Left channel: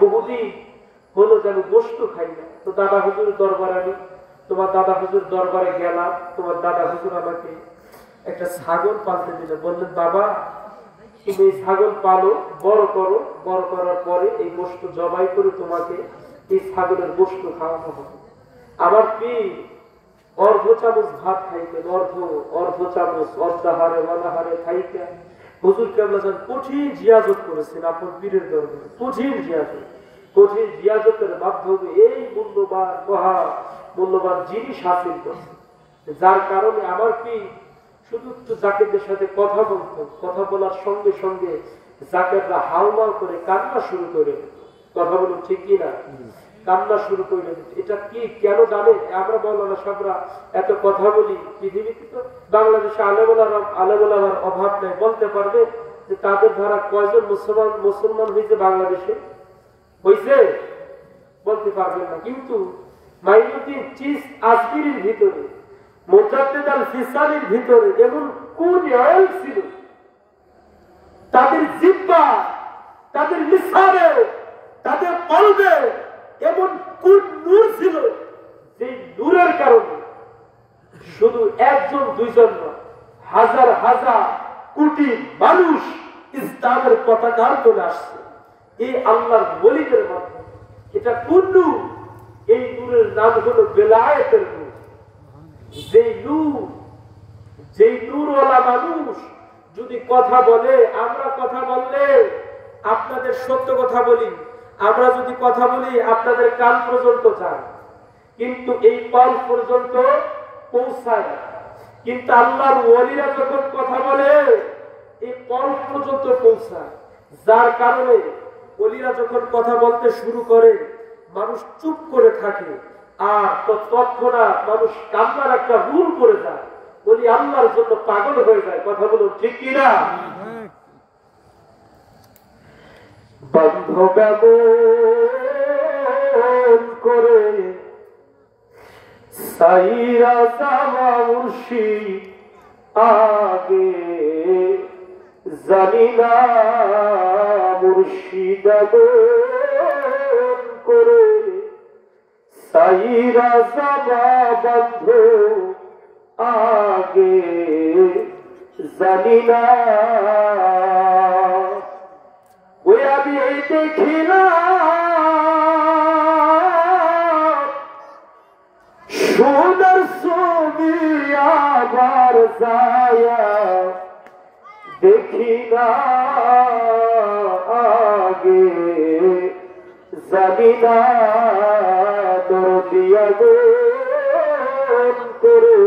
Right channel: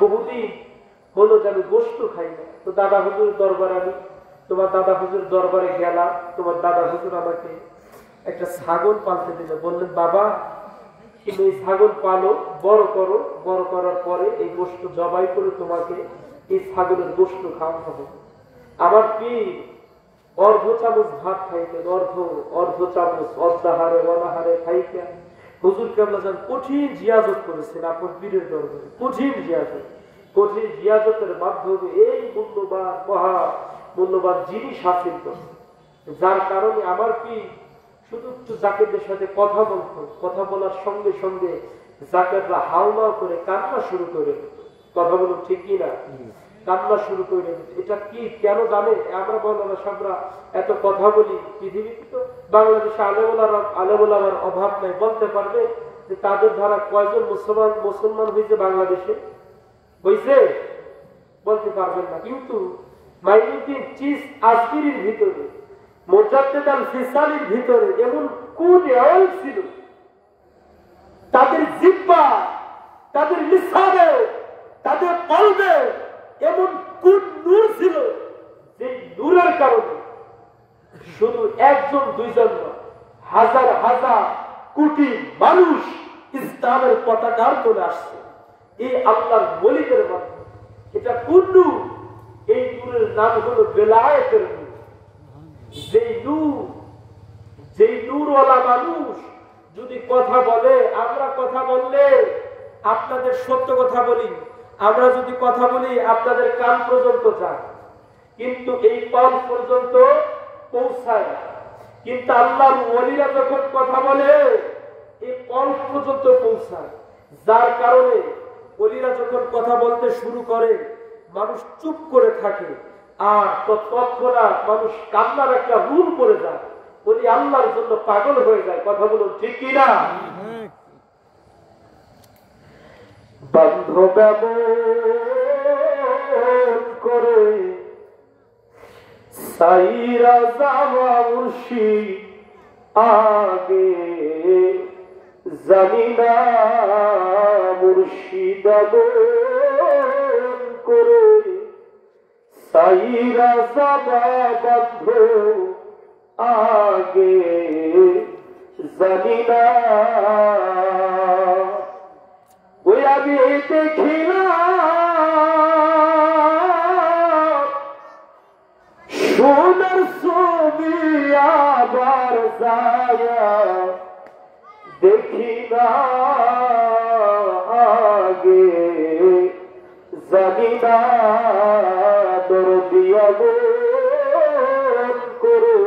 বহুদিন হলো যেন গোস্ত খাই না। তো দাদা হুজুর দরবারে আমি তোমার দাদা হুজুর দরবারে গেলাম। তোমার দাদা হুজুর আমাকে একটা ছাগল পালতে দিলে, বললেন বাবা তুমি এই ছাগল পালো, বড় করো, বড় করার পরে এই গোস্ত জবাই করে তোমাকে এই ছাগলের গোস্ত খাওয়ানো হবে। আমার পীর অর্ধ চামচ ভাত খাইতেন, অর্ধ চামচ অর্ধাহারে অনাহারে খাইতেন। হুজুর কেবলা যান কঠিন জিয়াজত করেছেন আপনার পীরের দরবারে, কঠিন জিয়াজতের মাধ্যমে এই মূল্যবান জিনিস হাসিল করছে, যার কারণে আমার পীর শুধু একটু জাকেরদের সাথে কথা বলতো, কথা বলার সঙ্গে সঙ্গে জাকেররা হাউমাউ করে কান্না শুরু করে। কথা বলুন ঠিক কি না? কান্না শুরু করে। এটা কি কেন জানে? আমরা মাওলানা সাহেবরা এত কথা বলি, পৃথিবীতে তো বাংলাদেশে আলেমুলামার অভাব নাই। বলতে পারবে যে তাদের দ্বারা কয়জন মুসলমান হয়েছে বাংলাদেশে? হয়েছে? বলতে পারবেন না। কিন্তু মাইনুদ্দিন চিস আসবিরির ভিতরে, মুজাদ্দিদ আল ফিসালির ভিতরে এমন কোন অয়েল ছিল, তাদের জিহ্বা, তাদের লিসানে, তাদের কলবে এমন কোন নূর ছিল, যে নূরের কারণে শুধু একজন দুইজন না, হাজার হাজার কোটি মানুষ ইসলামের পতাকা চলে আসছে এই আল্লাহর ওলিদের মাধ্যমে। এটা কোন নূর? এই নূরের নাম হলো বেলায়েতের নূর। যেই নূরওয়ালা মানুষ যদি কথা বলে, আমরা কথা বললে আপনাদের সত্য কথা বলি, আমরা যদি কথা বলি আপনাদের কান পর্যন্ত যায়, কিন্তু এই কান পর্যন্ত পৌঁছায় না। কিন্তু আল্লাহর ওলিরা যখন কথা বলে এই কান পর্যন্ত পৌঁছায়, যার কারণে ওলিরা যখন কথা বলতে শুরু করে মানুষ চুপ করে থাকে, আর তৎক্ষণাৎ মানুষ কান্নার একটা রুল পড়ে যায়, ওলি আল্লাহর জন্য পাগল হয়ে যায়। কথা বলুন ঠিক কিনা? বান্ধব করে সাইরা জামা মুর্শিদ আগে জানি না মুর্শিদ করে সাইরা জামা বন্ধ আগে জানি না। ওই আমি দেখিলাম সোনার ছবি, আবার যায়া দেখি না আগে জানি না। দরদিয়া করে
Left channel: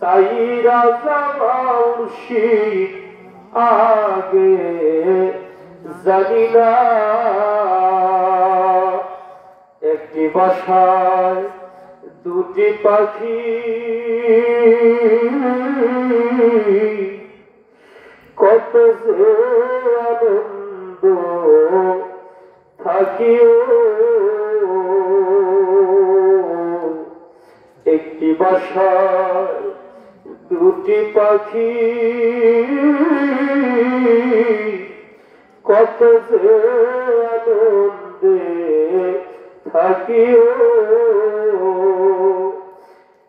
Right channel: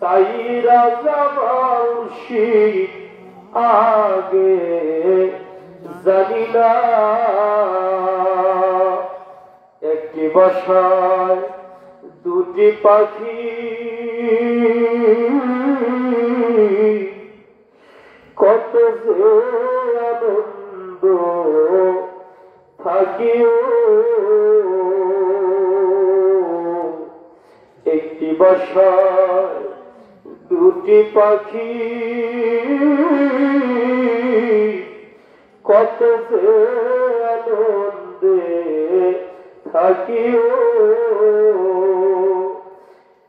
সাইরা জামা মুর্শিদ আগে জানি না। একটি বাসায় দুটি পাখি, কত যে আনন্দ থাকিও। একটি বাসায় দুটি পাখি, কত যে আনন্দে থাকিও।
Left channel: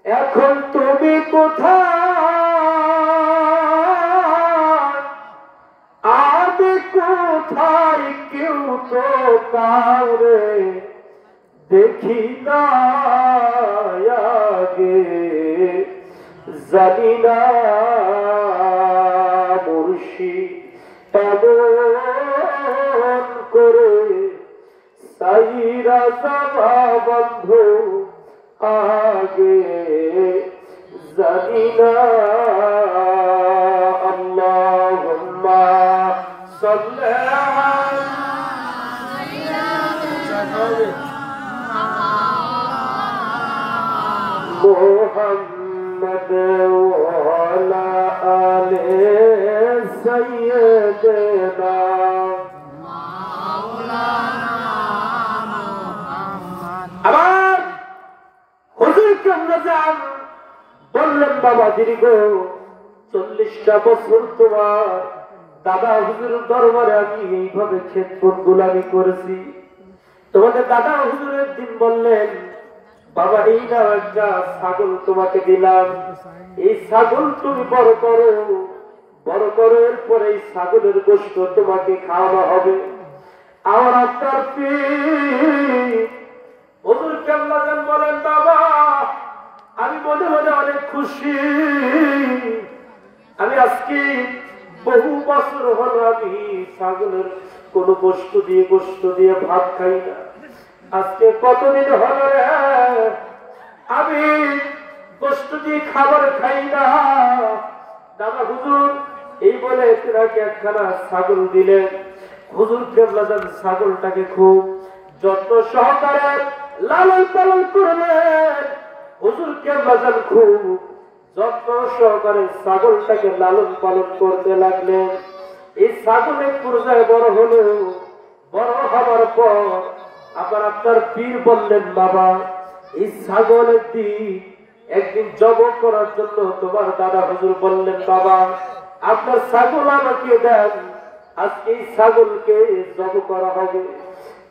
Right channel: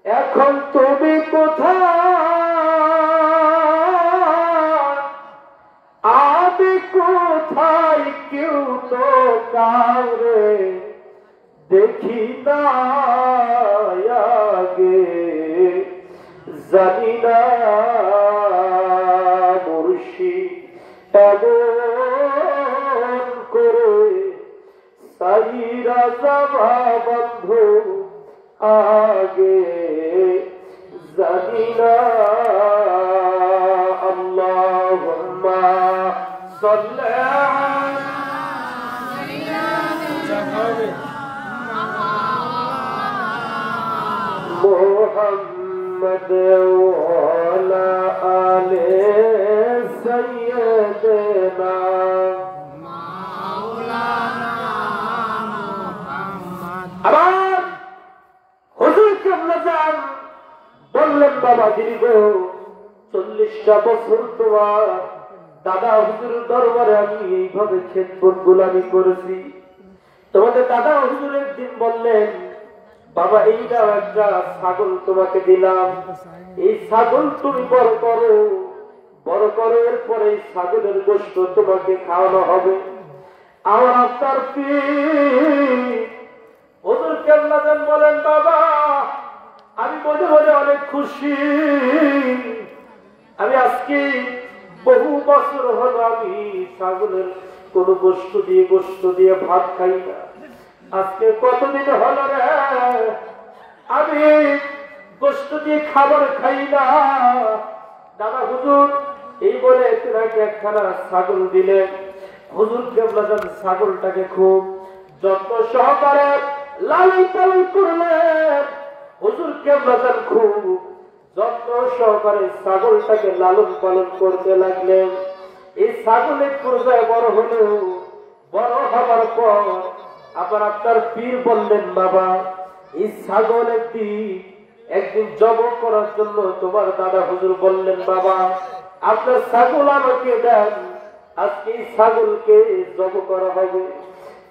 এখন তুমি কোথায়, আমি কোথায়, কেউ তো কাউরে দেখি না আগে জানি না। মুর্শিদ এমন করে সাইরা জামা বন্ধ আগে জানি না। আল্লাহুম্মা সাল্লি মুহাম্মদ ওয়া আলা আলি সাইয়্যিদিনা মাওলানা মুহাম্মদ। আবার হুজুর কেবলা যান বললেন, বাবা দীর্ঘ 40টা বছর তোমার দাদা হুজুরের দরবারে আমি এইভাবে খেদমত গোলামি করেছি। তোমাদের দাদা হুজুর একদিন বললেন, বাবা এই নাও একটা ছাগল তোমাকে দিলাম, এই ছাগল তুমি বড় করো, বড় করো, এরপরে এই ছাগলের গোশত তোমাকে খাওয়ানো হবে। আমার আপনার হুজুর কেবলা যান বলেন, বাবা আমি মনে মনে অনেক খুশি, আমি আজকে বহু বছর হল আমি ছাগলের কোন গোশত দিয়ে ভাত খাই না। আজকে কতদিন হল রে আমি গোশত দিয়ে খাবার খাই না। দাদা হুজুর এই বলে তেনাকে একখানা ছাগল দিলেন। হুজুর কেবলা যান ছাগলটাকে খুব যত্ন সহকারে লালন পালন করলেন। হুজুর কেবলা যান খুব যত্ন সহকারে ছাগলটাকে লালন পালন করতে লাগলেন। এই ছাগলের পর্যায়ে বড় হলেও, বড় হবার পর আবার আপনার পীর বললেন, বাবা এই ছাগল একদিন জব করার জন্য তোমার দাদা হুজুর বললেন, বাবা আপনার ছাগল আমাকে দেন, আজকে এই ছাগলকে জব করা হবে।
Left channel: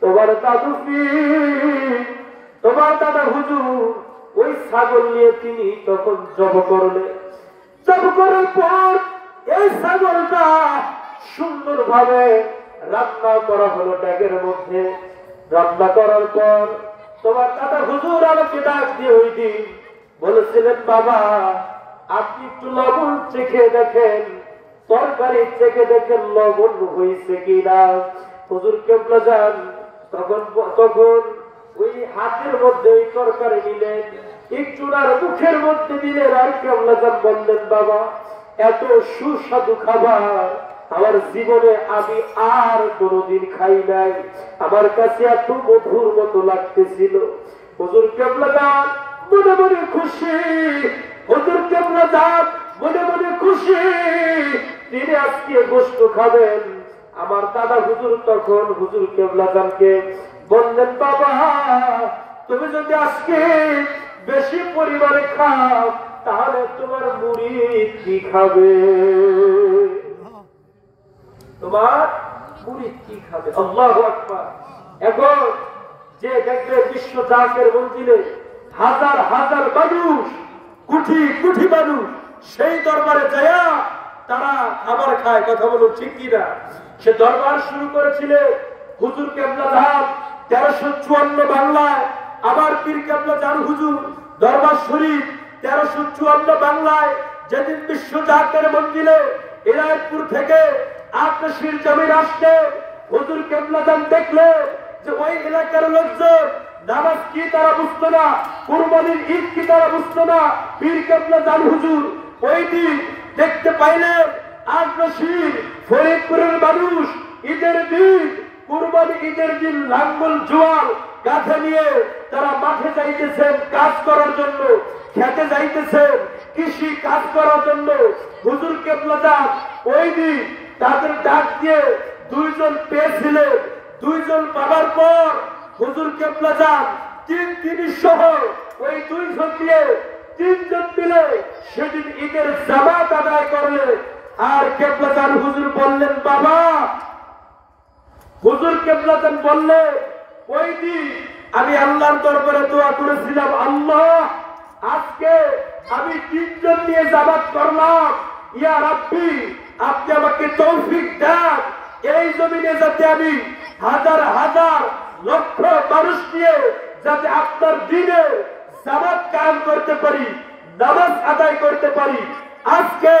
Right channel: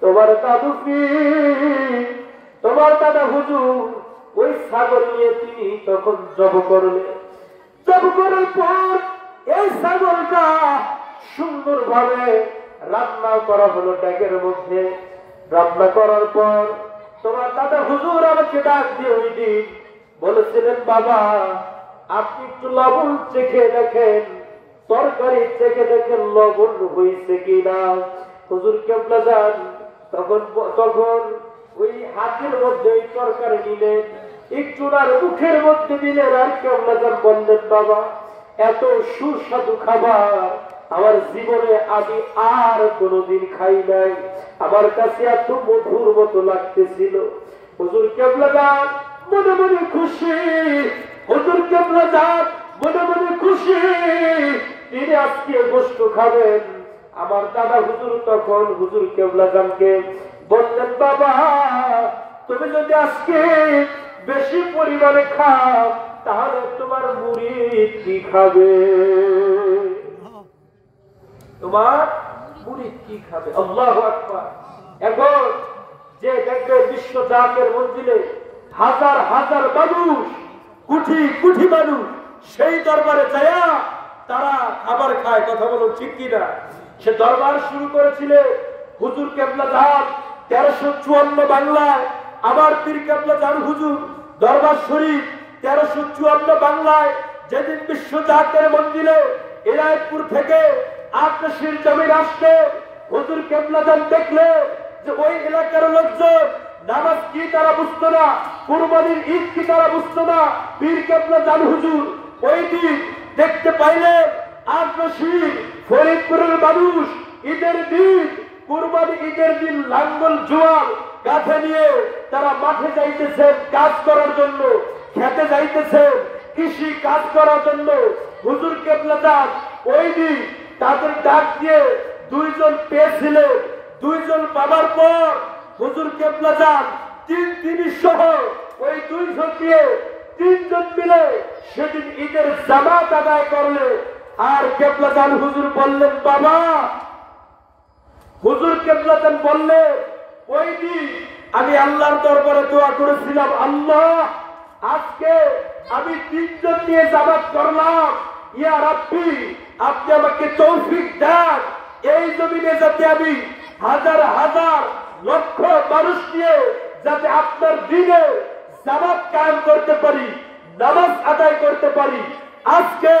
তোমার দাদু পীর, তোমার দাদা হুজুর ওই ছাগল নিয়ে তিনি তখন জব করলেন। জব করার পর এই ছাগলটা সুন্দরভাবে রান্না করা হলো ড্যাগের মধ্যে। রান্না করার পর তোমার দাদা হুজুর আমাকে ডাক দিয়ে ওই দিন বলেছিলেন, বাবা আপনি একটু লবণ চেখে দেখেন, তরকারি চেখে দেখেন লবণ হয়েছে কিনা। হুজুর কেবলা যান তখন ওই হাতের মধ্যে ওই তরকারি নিলেন, একটু আর মুখের মধ্যে দিলেন, আর কেবলা যান বললেন, বাবা এত সুস্বাদু খাবার আমার জীবনে আমি আর কোনোদিন খাই নাই, আমার কাছে এত মধুর মতো লাগতেছিল। হুজুর কেবলা যান মনে মনে খুশি, হুজুর কেবলা যান মনে মনে খুশি, তিনি আজকে গোশত খাবেন। আমার দাদা হুজুর তখন হুজুর কেবলা যানকে বললেন, বাবা তুমি যদি আজকে বেশি পরিমাণে খাও তাহলে তোমার মুরিদ কি খাবে, তোমার মুরিদ কি খাবে। আল্লাহু আকবার। এখন যে দেখবে বিশ্ব জাকের মঞ্জিলে হাজার হাজার মানুষ, কোটি কোটি মানুষ সেই দরবারে যায়া তারা খাবার খায়, কথা বলুন ঠিক কিনা। সে দরবার শুরু করেছিলেন হুজুর কেবলা যান 1354 বাংলায়, আবার পীর কেবলা যান হুজুর দরবার শরীফ 1354 বাংলায়। যেদিন বিশ্ব জাকের মঞ্জিলে এলাইপুর থেকে আটশির জমির আসলে হুজুর কেবলা যান দেখলে যে ওই এলাকার লোকজন নামাজ কি তারা বুঝতো না, কুরবানির ঈদ কি তারা বুঝতো না। পীর কেবলা যান হুজুর ওই দিন দেখতে পাইলেন আটশির ফরিদপুরের মানুষ ঈদের দিন, কুরবানি ঈদের দিন লাঙ্গল জোয়াল কাঁধে নিয়ে তারা মাঠে যাইতেছেন কাজ করার জন্য, খেতে যাইতেছেন কৃষি কাজ করার জন্য। হুজুর কেবলা যান ওই দিন তাদের ডাক দিয়ে দুইজন পেয়েছিলেন। দুইজন পাবার পর হুজুর কেবলা যান তিনি সহ ওই দুইজন দিয়ে তিনজন মিলে সেদিন ঈদের জামাত আদায় করলে। আর কেবলা যান হুজুর বললেন, বাবা হুজুর কেবলা যান বললে ওই দিন আমি আল্লাহর দরবারে দোয়া করেছিলাম, আল্লাহ আজকে আমি তিনজন নিয়ে জামাত করলাম, ইয়া রাব্বি আপনি আমাকে তৌফিক দেন এই জমিনে যাতে আমি হাজার হাজার লক্ষ মানুষ নিয়ে যাতে আপনার দিনে জামাত কায়েম করতে পারি, নামাজ আদায় করতে পারি। আজকে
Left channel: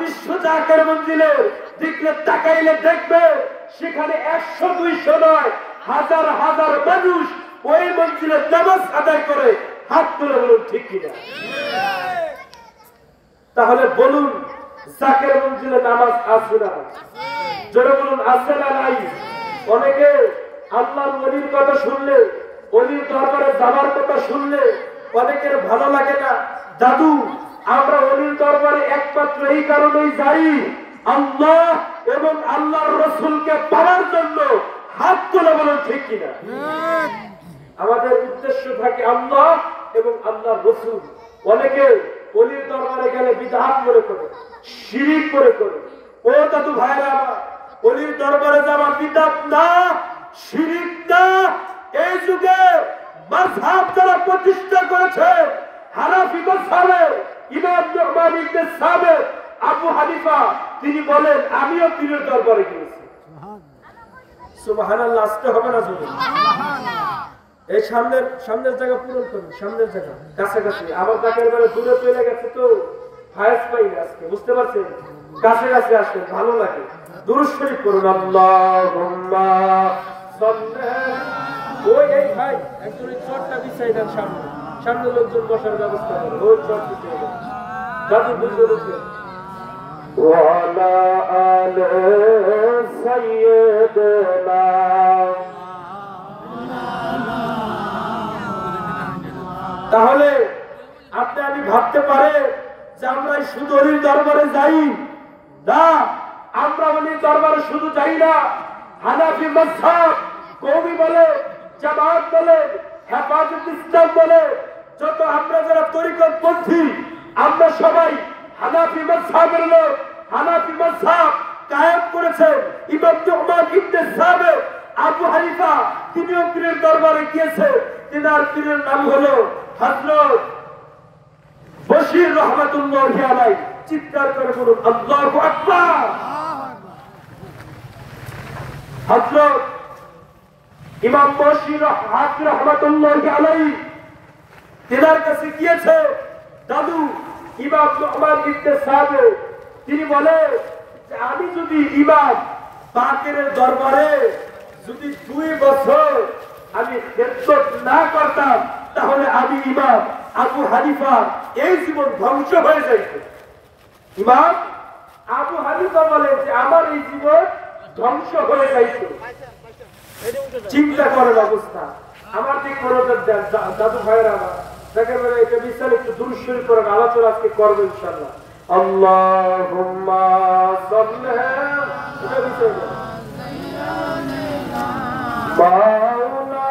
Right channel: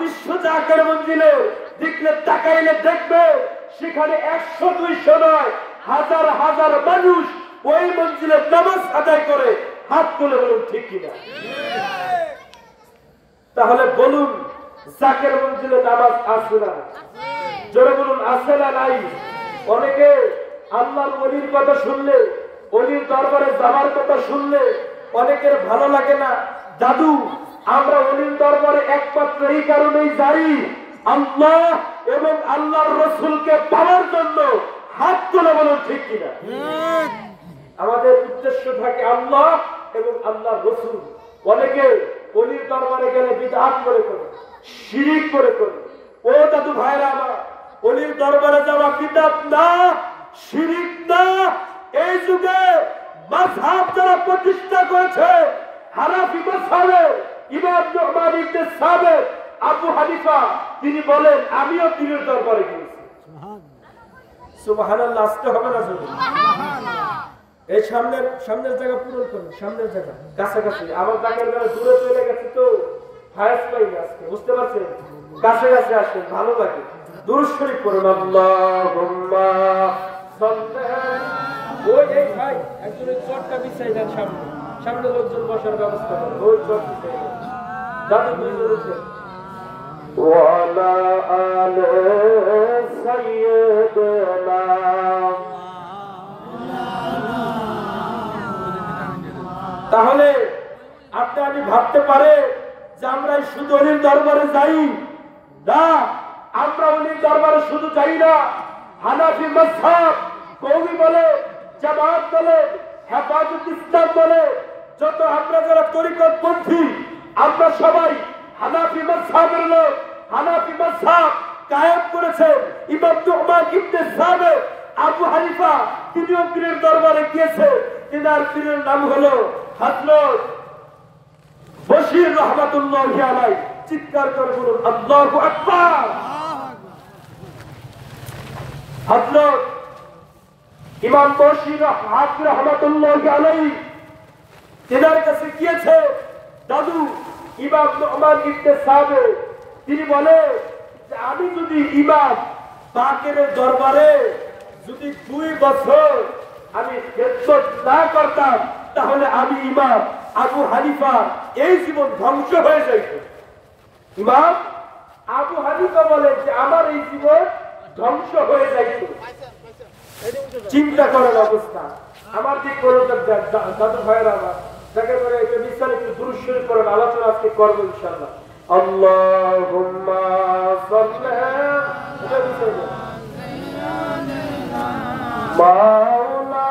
বিশ্ব জাকের মঞ্জিলে দিকে তাকাইলে দেখবে সেখানে 100-200 নয়, হাজার হাজার মানুষ ওই মঞ্জিলে নামাজ আদায় করে। হাত তুলে বলুন ঠিক কিনা। তাহলে বলুন জাকের মঞ্জিলে নামাজ আছে না? জোরে বলুন আছে না নাই? অনেকে আল্লাহর ওলির কথা শুনলে, ওলির দরবারে যাবার কথা শুনলে অনেকের ভালো লাগে না। দাদু আমরা ওলির দরবারে একমাত্র এই কারণেই যাই আল্লাহ এবং আল্লাহর রসুলকে পাওয়ার জন্য। হাত তুলে বলুন ঠিক কিনা। আমাদের উদ্দেশ্য থাকে আল্লাহ এবং আল্লাহর রসুল। অনেকে ওলির দরবারে গেলে বিদআত করে, শিরিক করে, ও দাদু ভাইরা আমার, অলির দরবারে যাওয়া বিদআত না, শিরক না। এই যুগে মাযহাব যারা প্রতিষ্ঠা করেছে, হানাফি মাযহাবে ইমাম নু'মান ইবনে সাবিত, আবু হানিফা, তিনি বলেন আমিও পীরের দরবারে গিয়েছি। সুবহানাল্লাহ, আসতে হবে না জোরে? এই সামনের জায়গা পূরণ করুন, সামনের জায়গা কাছাকাছি। আমার জায়গার বেলা দূরে চলে গেছে তো ফায়াজ পাইনি আজকে, বুঝতে পারছেন? কাছাকাছি আসেন, ভালো লাগে। দুরূদ শরীফ পড়ুন। আল্লাহুম্মা সাল্লি। ওই এই ভাই একজন ওই চটটা বিছাই দেন, সামনে লোকজন বসার ব্যবস্থা করেন। ওই চট বিছাই দেন, দাদু বুঝতে পেরেছেন। ওয়ালা আলে সাইয়্যিদিনা। তাহলে আপনি আমি ভাবতে পারে যে আমরা শুধু অলির দরবারে যাই না, আমরা অলির দরবারে শুধু যাই না। হানাফি মাযহাব, কওমি বলে, জামাত বলে, হেফাজত ইসলাম বলে, যত আমরা যারা তরিকতপন্থী, আমরা সবাই হানাফি মাযহাবের লোক। হানাফি মাযহাব কায়েম করেছে ইমাম নু'মান ইবনে সাবিত, আবু হানিফা। তিনিও পীরের দরবারে গিয়েছে। তিনার পীরের নাম হলো হযরত বশির রাহমাতুল্লাহি আলাইহি। চিৎকার করে বলুন আল্লাহু আকবার। হযরত ইমাম বশির রাহমাতুল্লাহি আলাইহি তিনার কাছে গিয়েছে দাদু ইমাম নু'মান ইবনে সাবিত। তিনি বলে যে আমি যদি ইমাম বাকেরের দরবারে যদি 2 বছর আমি খেদমত না করতাম, তাহলে আমি ইমাম আবু হানিফার এই জীবন ধ্বংস হয়ে যাইত। ইমাম আবু হানিফা বলেন যে আমার এই জীবন ধ্বংস হয়ে যাইত। চিন্তা করার অবস্থা। আমার যে মনোযোগ দেন দাদু ভাইয়েরা আমার, দেখেন মানে এটা বিস্তারিত একটু দুরূদ শরীফ পড়েন, আলোচনা আজকে করবো ইনশাআল্লাহ। আল্লাহুম্মা সাল্লি